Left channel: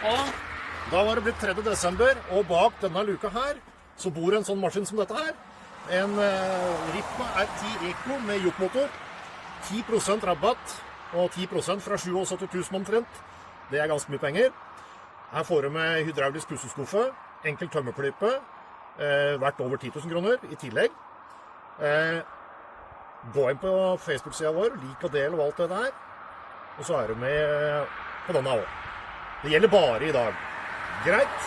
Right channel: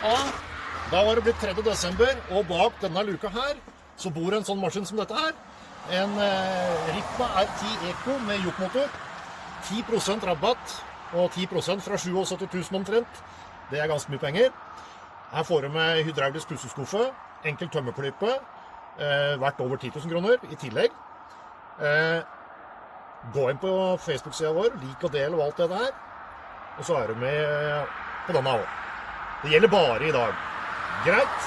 Og da var det blitt 3. desember, og bak denne luka her, så bor en sånn maskin som dette her. En Ritma R10 Eco med jokmotor. 10% rabatt, og 10% fra 77 000 omtrent. Det er ganske mye penger. Her får du med hydraulisk pusseskuffe, enkel tømmerklype, verdt over 10 000 kroner i tillegg. Gå inn på Facebook-siden vår, lik og del og alt det der. Og så er du med på denne også. Det gjelder bare i dag. Greit?